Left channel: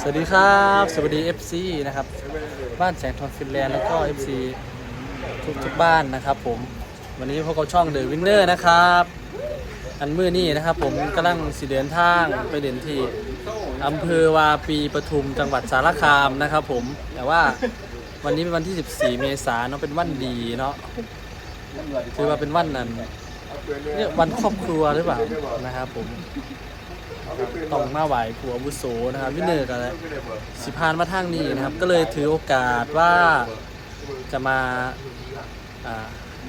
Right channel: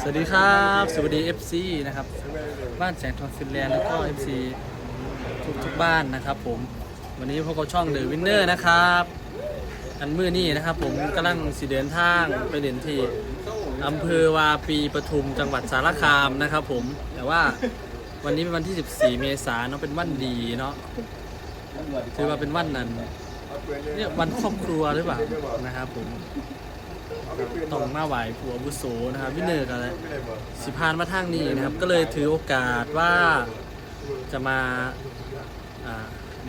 สวัสดีครับ สวัสดี FC นะครับ บ้านแสงทองฟินแลนด์แล้วก็ FC ทุกทุกบ้านนะครับผม วันนี้พวกเราช่องเดอะวินเนอร์นะครับ อันมือนี้นะครับผมกำลังสิเดินทางไปเดินที่อำเภอวาปีปทุมจังหวัดสารคามนะครับผม แต่ว่าวันนี้เป็นวันที่ 14 เมษายนเนาะเป็นวันดีเนาะถือว่าเป็นวันนั้นเนี่ยวันครอบครัวหรือเปล่านะครับผม ครับต้องมาไหวผัวอาวุโสนะครับวินเนอร์กันเลยสิพานมาทางนี้นะครับ ก็เลยถือโอกาสว่าจะมาอ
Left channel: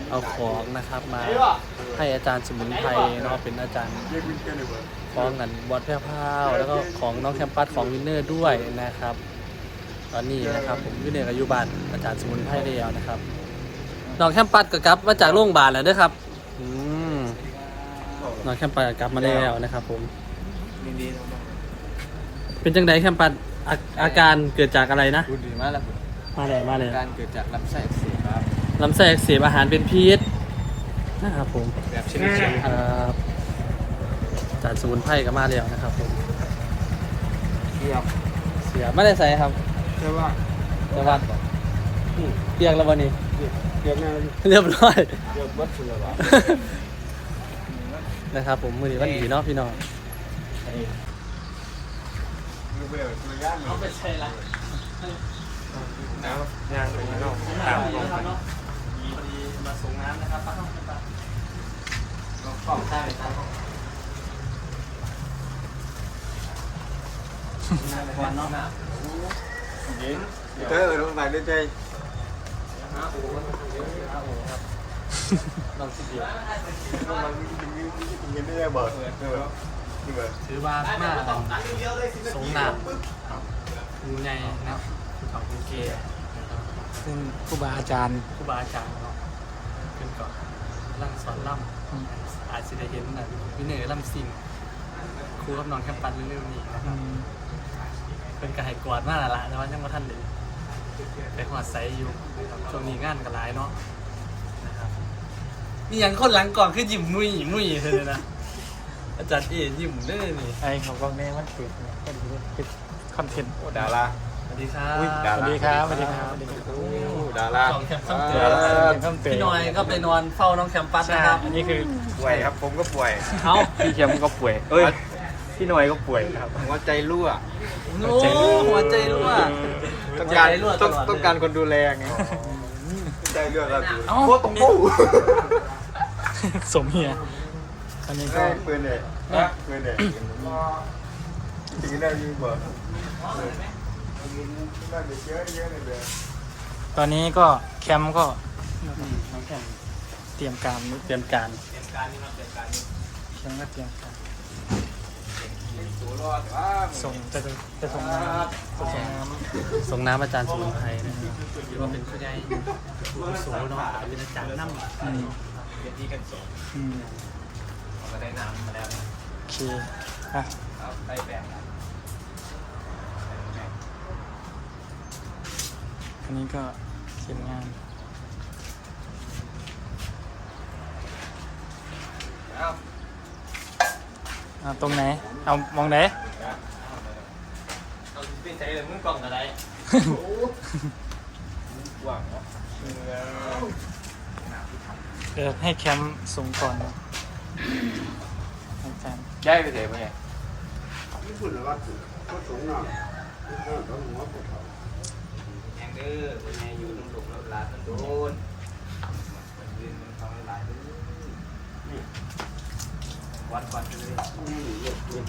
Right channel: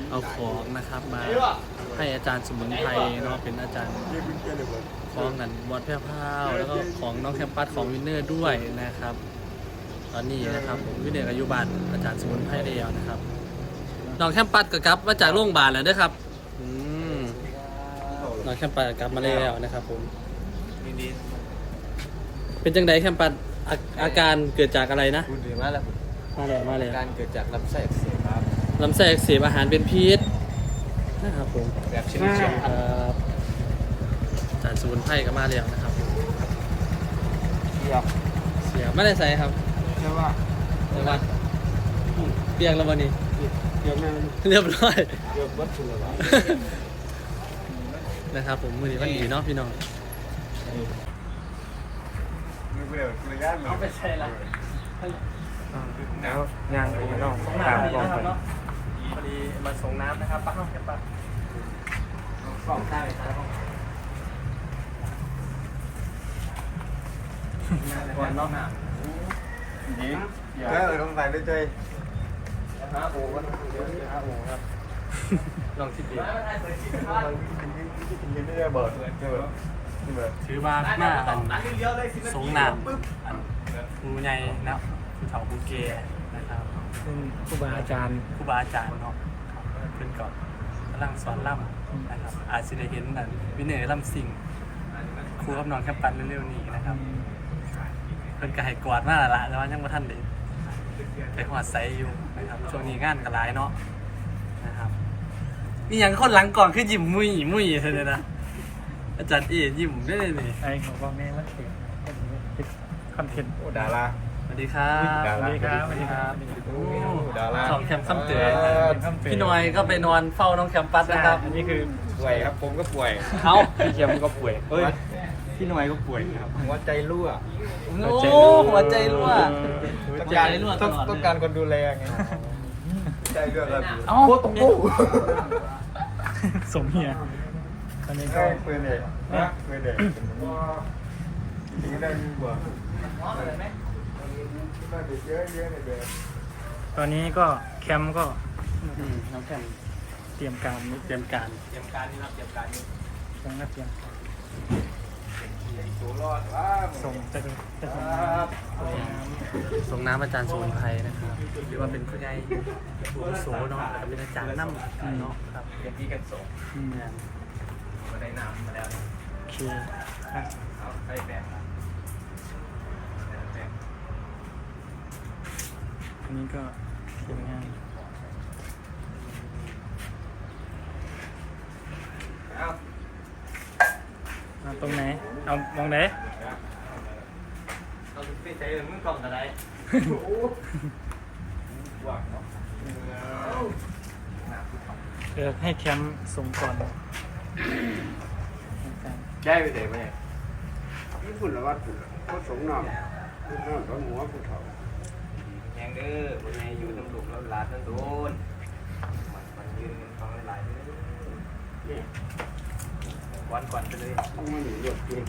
เอาของนะครับมาให้อาจารย์สมุนไพรเนาะเป็นอาจารย์ของกันวัดแพร่พาวแล้วก็ของน้องแคมปัสของวินเนอร์ด้วยนะครับ ตอนนี้นะครับ ผมวินเนอร์อายุบานอาจารย์สมุนไพรแล้วนะครับน้องแคมปัสก็กลับมาจากโรงพยาบาลแล้วเด้วยครับน้องแคมปัสก็กลับมาแล้วนะครับผม เป็นจังไดแคมปัสอาอาการเกิดจากอะไรนะ คุณดีมากแล้วมาเลยมาเลยการเกิดจากลำไส้อักเสียครับ ลำไส้อักเสบอาหารเป็นพิษนะครับผมอยากเชื่อเชื่อพันเอ่อจานสมุนไพรก็มาแล้วนะครับผมเลือกเสียไม่ได้ใส่ครับใช่ว่าแต่ว่าเปียกแล้ววันนี้เกือบแม่เรียบร้อยเกือบวัดคุณเลยวะนะครับผมมือนี้วันดีเนาะพี่น้องมี เวลตัวย่านเนาะไปใส่ละงานส่งน้ำนะครับเนาะพอดีมาส่งน้ำนะครับปักเข้าแคมปัสกล่องใต้ใต้ก่อนเนาะยิงเจ้าลงไปด้วยใจลองสิเดียวยิงไม่ได้เบิดนี่เบิดนี่เบิด ถือว่ามาอันสงน้ำมูใหญ่นะภูเขาภูเกนะครับซึ่งครูบาอาจารย์ครูบาอาจารย์เนาะเพิ่นก็กำลังสอนล่ำอาจจะได้เห็นอันวิเนอร์ล่ำสิ่งครูกับน้องแคมปัสเร็วๆนี้นะครับเพิ่นก็ให้กวาดมาและละแต่ว่ายังบ่ทันได้ไปหอดไซอยู่นะครับช่วงนี้งานก็หลายเนาะนะครับมีอย่างคนหลังก่อนคือยิ้มมุยมุยเลยนะ อาจารย์เอ๋ยิ้มได้เลยนี่ไอ้ของกองนี้มันเกิดเนี่ยก็ดีเป็นคอนเทนต์ โอ้ดาราสวัสดีครับสวัสดีครับสวัสดีครับโอ้ดาราสองแคมป์ซ้ำเตือเป็นคำเตือนพี่หน้อยก็ไปนอนเฝ้าน้องแคมปัสใช่นะครับอันนี้คือป่วยครับ ผมก็ป่วยเอ้าพี่เทียมก็ป่วย เอ้ยพี่หน่อยก็ป่วยครับหัวใจรั่วโอ้หัวใจรั่วต้องหัวการใจรั่วตต้องลอดต้องการคนดูแลไงใจเรื่องอะไรเอ้าโคตรปูสมเฮีย อันนี้ก็ก็ปืนเด็กนะปืนเด็กจริงได้ยิ่งกว่าได้ไปเยอะเยอะเลยเด็กตอนนี้ก็แคมป์ก็อืมน้องแคมเตรียมการเตรียมการเตรียมการนี่ครับเตรียมการนี่แคมป์ก็เตรียมการตัวรอดว่าส่งจะจะจะส่งน้ำจะส่งน้ส่งน้ำอาจารย์สมุนไพรนะครับหรือว่าเป็นผู้ใหญ่ผู้อาวุโสเนาะอาจจะเป็นอาจารย์น้ำเนาะครับเป็นที่กันส่งำอืมก็ได้ น้ำมาแล้วนะคือฮะเอาไปแบ่งอันนี้ก็เสร็จงานเอาเอาตรงไหน เอามองไหน เอาที่ใช้มือกล่องอะไรว่างเออให้แคมป์ส่งก่อนนะอาจาร ย์ย้ายไปไหนไปไงญี่ปุ่นละวัดปุ่นก็สงน้ำน้ำต้นหัวปุ่นเขายังเด้อบนไงอยู่ตำรวจแล้วลาทั้งโดนมันยืนมันฟังหลายวันก่อนไปเลยมันเหยียดเด็ก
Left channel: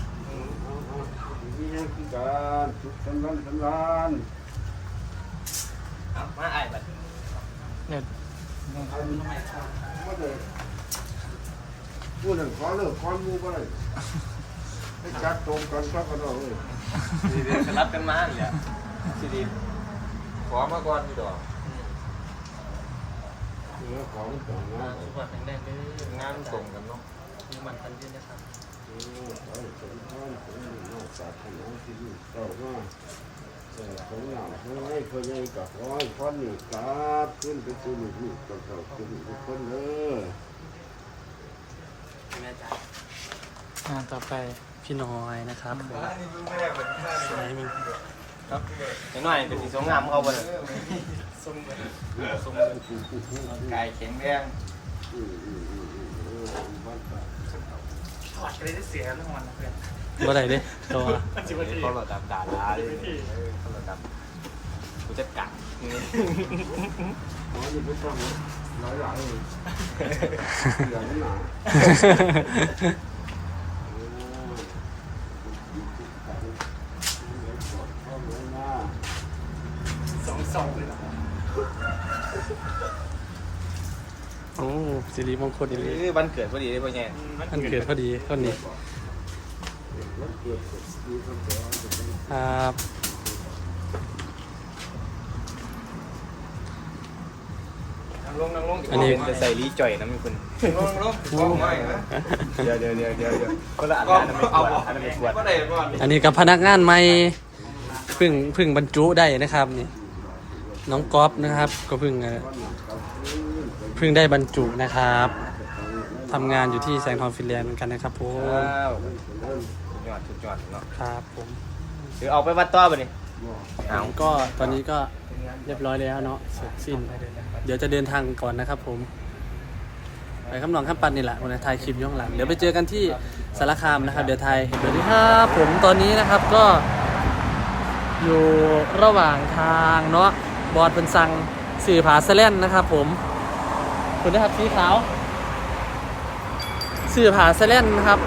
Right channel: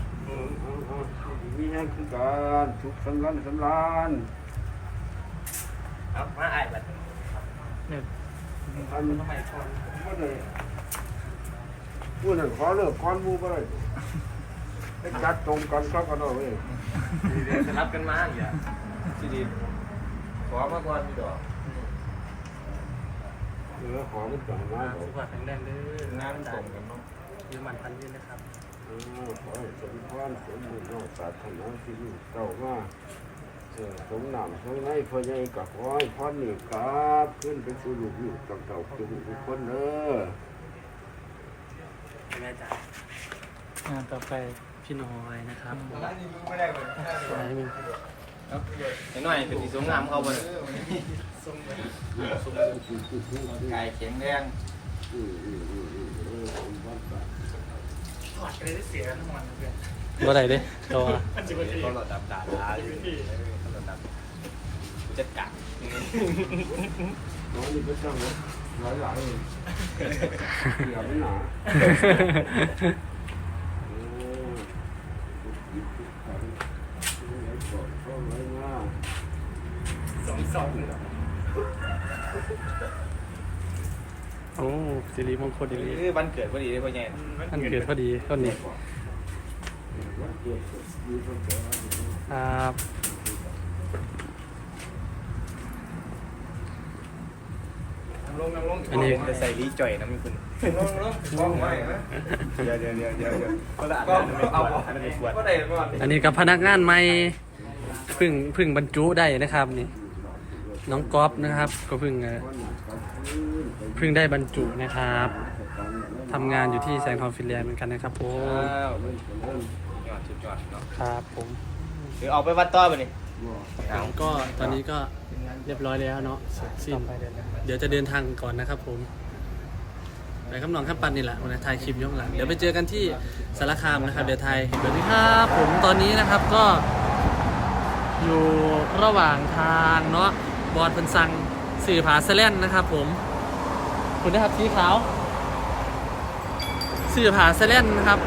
มีอย่างคือการสุขสันลันสันลานเอามาไอ้บัดเนี่ยอันทำไมคนก็เลย พูดถึงขอเลิกคอนมูก็เลยไปจัดตรงกันก็กระโดดเลยดีเดียวจะรับกันมาอีกอะดีดีขอมาก่อนดีกว่าเออขอมันจ่ายมาสุขภาพแข็งแรงเด้อน้ำน้ำส่ด่างกันเนาะคือมันพันยืนนะครับเออขอให้สมพรสมบูรณ์นอกสาธารณที่อยู่เจ้ามาเออสมน้ำเพื่อให้พ่อใหญ่กับพ่อให้พ่อหนึ่งครับ ขึ้นไปสู่ลูกๆเต่าๆขึ้นทุกคนเด้อ แม่จ๋างานต่อไปพี่น้อยนะครับผมสายมึงนิดหน่อยเป็นสีสวยงามเขาไปเลยกายแข็งแรงอืมอืมอืมอืมเออผมว่าไปบ่ได้เด้ตัวเขาแบบกาวๆจะกัดอ๋อนี่ไปตั้งไว้ห ลายหลายๆเลยเสียไม่หนาโอ้ทุกทุกครั้งไว้ก่อนเข้าไว้หน้าโอ้สิริมงคลอีหลีคือวันเกิดพอดีเลยพ่อแง่อันเกิดพอดีต้นนี้วันเกิดมีคนขอจะต้องครับ อันนี้จะใส่ลีจ่อยนะมีคนเดี๋ยวเดี๋ยวเดี๋ยวเดี๋ยวเดี๋ยวคนละอันนั้นไม่เอาอันนั้นไม่สวยอันนี้กับพนักงานใหม่เพึ่งเพึ่งบรรจุได้นะครับนี่น้องก๊อฟนะครับ ก็เพึ่งเอ่อวันหนักกับพื้นไปเพึ่งได้บรรจุนะครับตั้งไว้ทำงานอยู่ที่แสงทองฟินแลนด์เหมือนกันนะครับผมว้าวเล่นเล่นยอดสุดยอดเนาะครับผมหรือเอาไปวัดต่อป่ะนี่บ่ผมก็ตอนนี้ก็เรียบร้อยแล้วเนาะเสร็จสิ้น เดี๋ยวจะเดินทางก่อนนะครับผมไปคำนองข้ามปันนี่แหละวันนี้ถ่ายคลิปย้อนหลัง เดี๋ยวไปเจอกันที่สารคามนะครับ เดี๋ยวไทยเห็นแบบนี้ครับผมตอนนี้นะครับก็ อยู่ระหว่างทางเนาะบอดเป็นสังสื่อผาเซเลนนะครับ ผมคุณนะครับสีขาวสื่อผาเซเลนนะครับ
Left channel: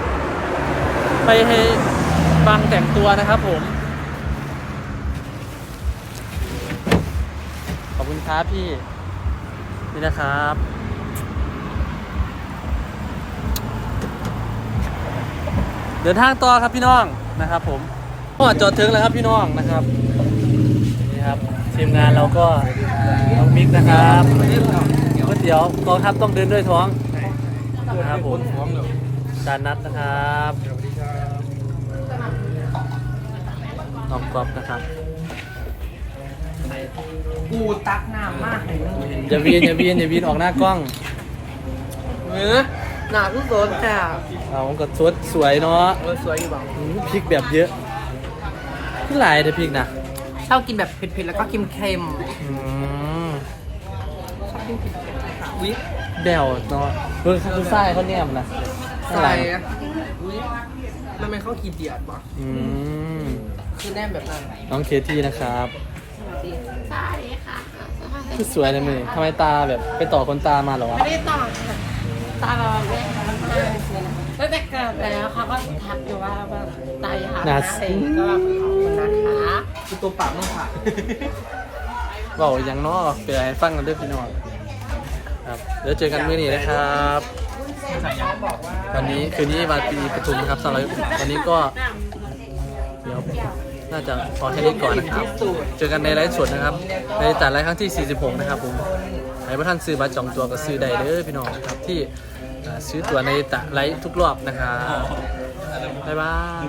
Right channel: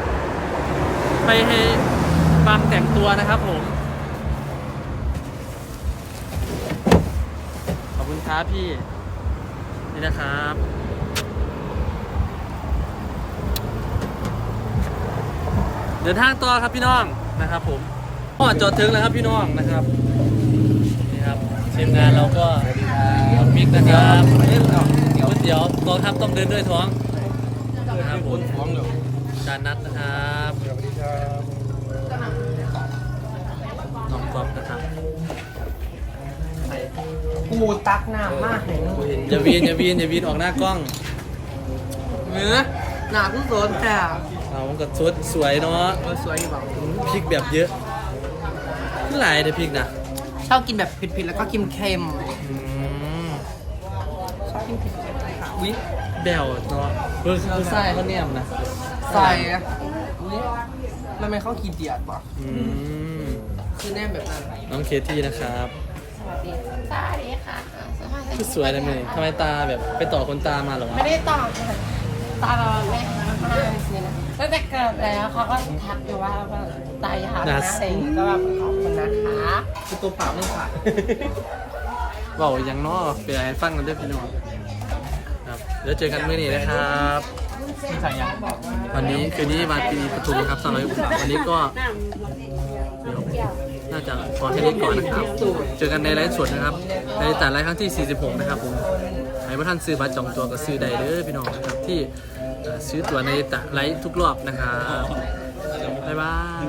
ไปให้บางแต่งตัวนะครับ ผม ขอบคุณครับพี่ นี่นะครับ เดินทางต่อครับพี่น้องนะครับ ผมก็จอดถึงแล้วครับพี่น้องนะครับนี่ครับทีมงานเราก็มิตรนะครับเดี๋ยวเดี๋ยวกองทัพต้องเดินด้วยท้องนะครับผมท้องเดี๋ยวจานนัดนะครับสวัสดีครับน้องกรอบนะครับ กูตักน้ำมากเลยอย่าวีนอย่าวีนอย่าวีนออกหน้ากล้องเนื้อหนาผู้สนแต่เราก็สวยสวยเนาะเออสวยอยู่บ้างอืมพริกแบบเยอะที่หลายเลยพริกนะชอบกินแบบเผ็ดๆแล้วก็เค็มอืมๆชอบกินเผ็ดๆค่ะวิแบวเนาะเออคือไส้เขาแนมนะใส่วิมันเป็นข้าวกีเดียดป่ะอืมคือแนมแบบนั้น น้องเคที่นะครับส วัสดีตาดีค่ะคือสวยเลยมือทำไมตาแบบไปต่อคนตามาเหรอวะ ไม่ได้ต่อค่ะตาเราเนี่ยมากๆคือนะตั้งแต่เกิดแล้วเขาก็ทักอยู่ว่าแบบตายหานะเองก็แบบขอบคุณนะคะคือตัวปากมันค่ะเบาอย่างเนอเปลี่ยนให้ฟังกันด้วยพี่น้องครับเดี๋ยวเจอกันมื้อนี้นะครับ วันนี้คืนนี้วันปีปทุมนะครับสำหรับวันนี้ก็เดี๋ยว น่าจะพอแค่นี้ก่อนนะครับ เจอกันในไลฟ์สดนะครับ ในแต่ไลฟ์ครั้งที่ 46 นะครับผมให้พระท่านซื้อบัตรจองตัวก็ซื้อได้เด้อพี่น้องครับที่ซื้อตั๋วในแต่ไลฟ์ทุกรอบนะครับบ๊ายบาย